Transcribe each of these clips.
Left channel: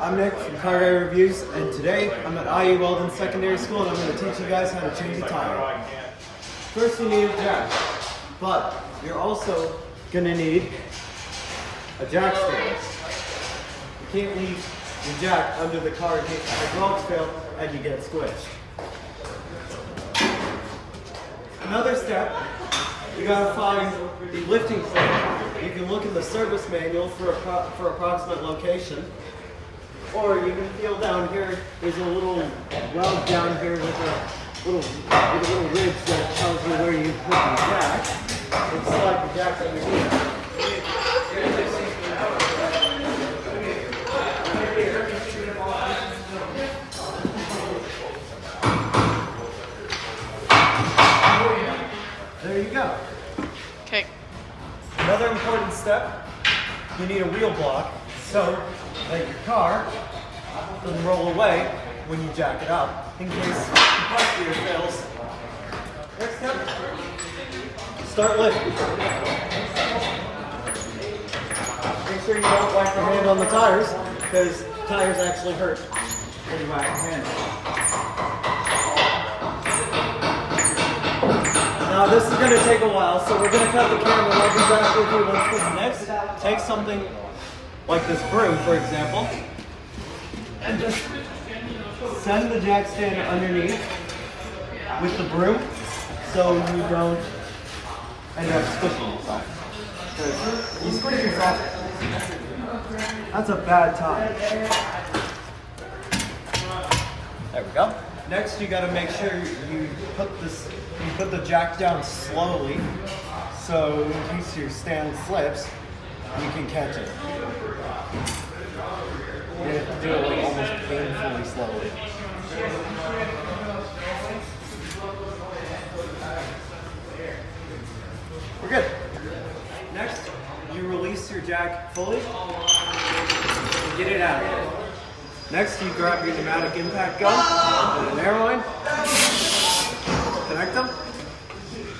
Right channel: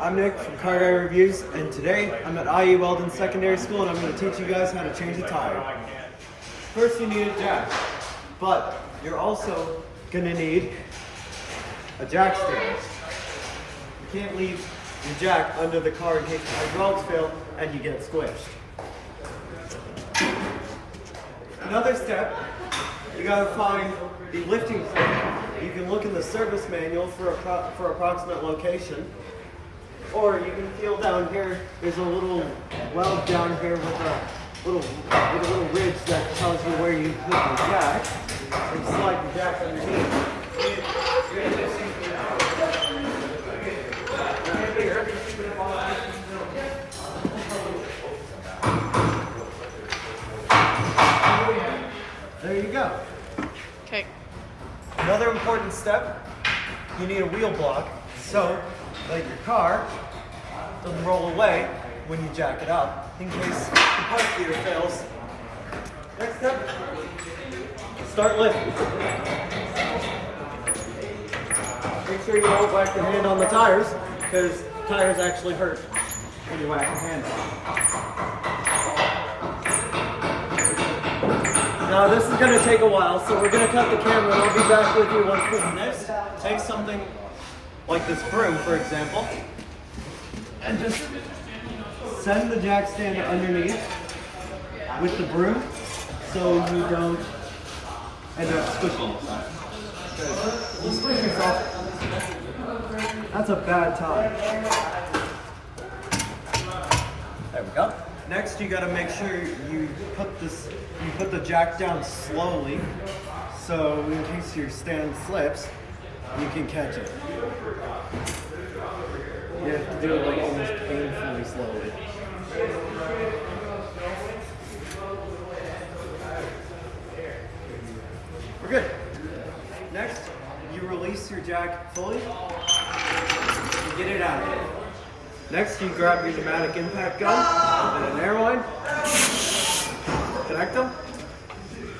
I'm Nick from Car Guy Reviews, and today I'm at IE Weldon Secondary School, and I'm going to teach you guys how to change a tire. First, you need a jack, but you're also going to need a jack stand. You can't leave your jack under the car in case the hydraulics fail and you get squished. Another step, you got to find the lifting plate. You can look in the service manual for approximate location, or you can feel down here. There's a little weld down here with a little ridge that tells you where you put the jack, and slide the jack underneath. There you go. Okay. Another important step, you need a wheel block so that your car doesn't roll away when you jack it up in case the parts gear fails. Next step, start lifting. Make sure you don't whack your hand on the tires because tires actually hurt when you whack your hand. Now this is going to take a while, so we're going to cut the camera and I'll be back with you once this is next. Take something like this broom, for example, and just send the jack stand underneath with the broom so you don't end up squishing yourself. Because you squish yourself, that's a bad time. There we go. Next, you got to make sure you put the jack down slowly, so in case your stand slips, you can catch it. You have to do it like almost painfully slowly. We're good. Next, you release your jack fully and get it out of here. Next, you grab your pneumatic impact gun and an airline, connect them,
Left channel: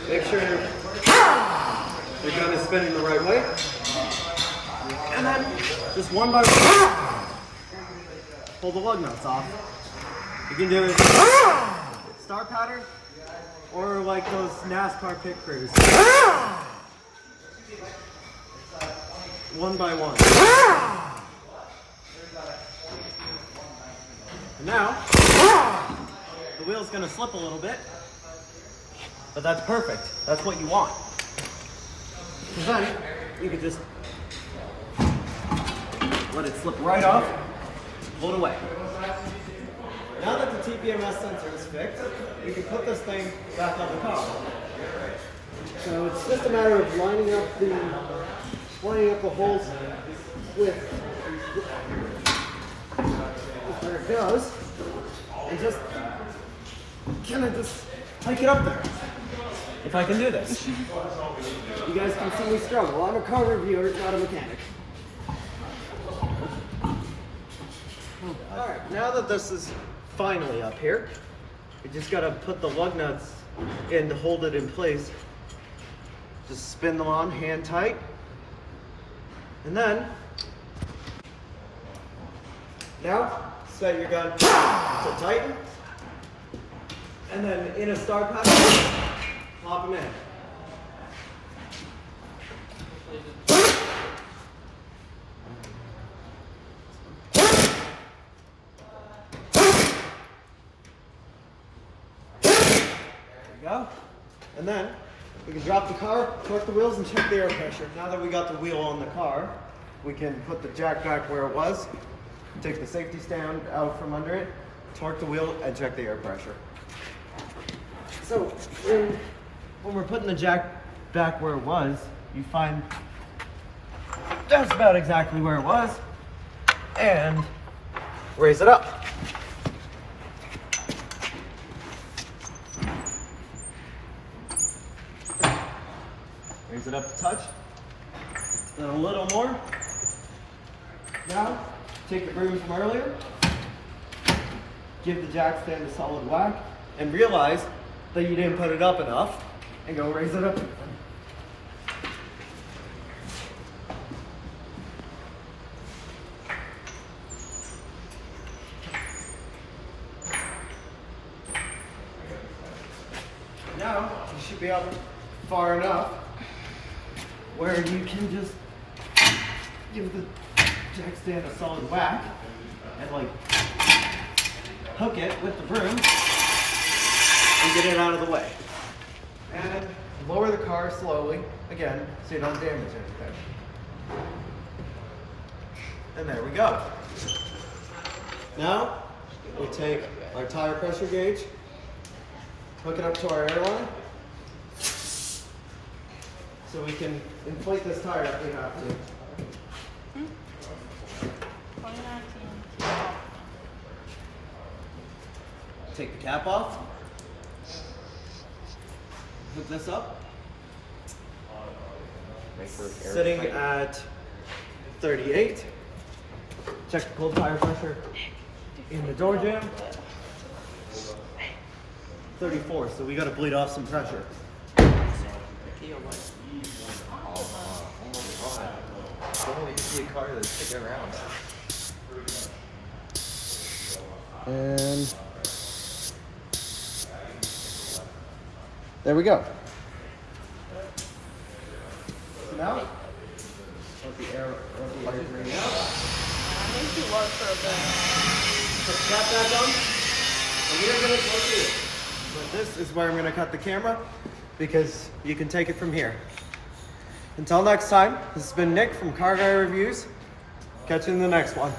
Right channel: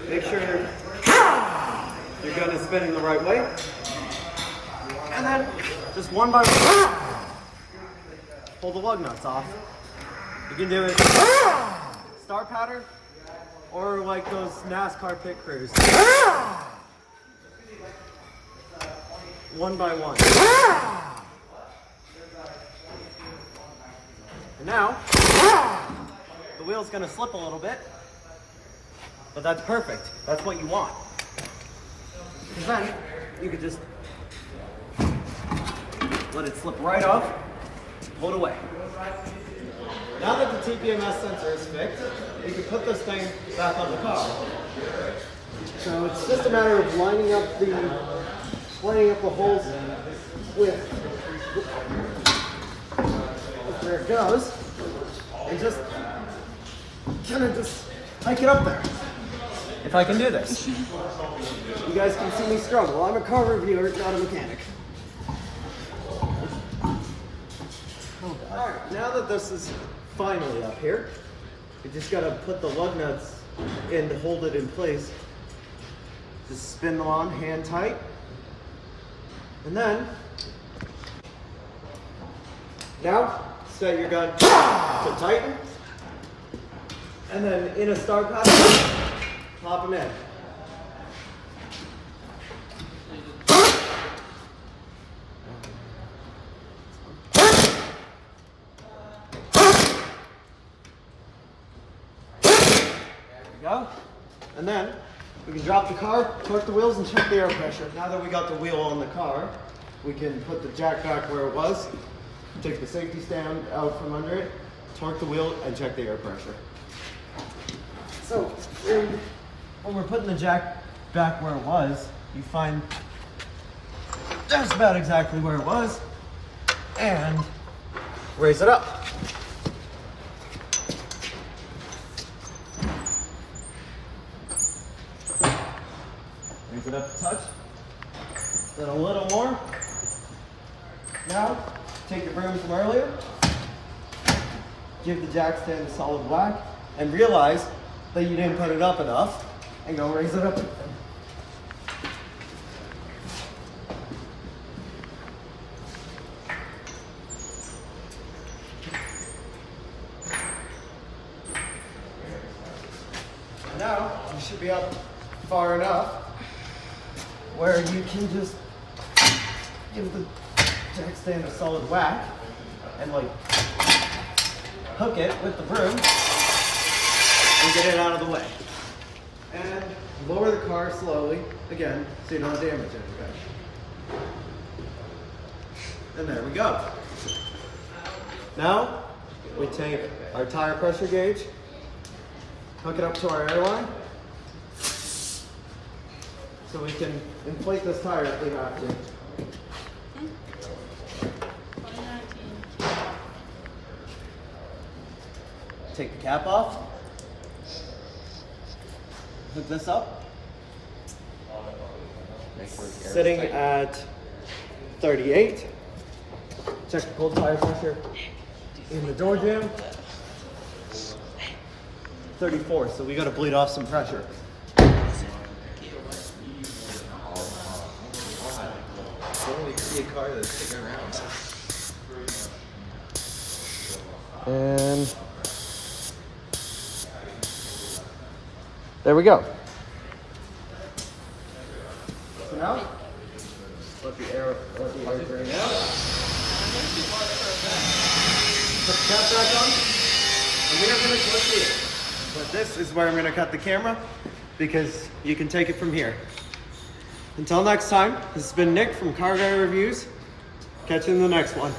make sure your gun is spinning the right way, and then just one by one, pull the lug nuts off. You can do it star pattern or like those NASCAR pit crews. One by one. And now, the wheel's going to slip a little bit, but that's perfect. That's what you want. Because then, you can just let it slip right off, pull it away. Now that the TPMS sensor is fixed, you can put this thing back on the car. So it's just a matter of lining up the holes with where it goes, and just kind of just hike it up there. If I can do this. You guys can see me struggle. I'm a car reviewer, not a mechanic. Alright, now that this is finally up here, you just gotta put the lug nuts in to hold it in place. Just spin them on hand tight. And then, now, set your gun to tighten, and then in a star pattern, pop them in. There you go. And then we can drop the car, torque the wheels, and check the air pressure. Now that we got the wheel on the car, we can put the jack back where it was. Take the safety stand out from under it, torque the wheel, and check the air pressure. So, when we're putting the jack back where it was, you find that's about exactly where it was, and raise it up. Raise it up a touch, then a little more. Now, take your broom from earlier, give the jack stand a solid whack, and realize that you didn't put it up enough, and go raise it up again. now you should be up far enough where you can just give the jack stand a solid whack and like hook it with the broom and get it out of the way. And lower the car slowly, again, so you don't damage anything. And there we go. Now, we take our tire pressure gauge, hook it up to our airline, so we can inflate this tire if we have to. Take the cap off, hook this up, sitting at 38. Check the cold tire pressure in the door jamb. 34, so we gotta bleed off some pressure. And there we go. So now, let the air drain out. Put the cap back on, and we are going to close the wheel. But this is where I'm going to cut the camera, because you can take it from here. Until next time, this has been Nick from Car Guy Reviews. Catch you in the next one.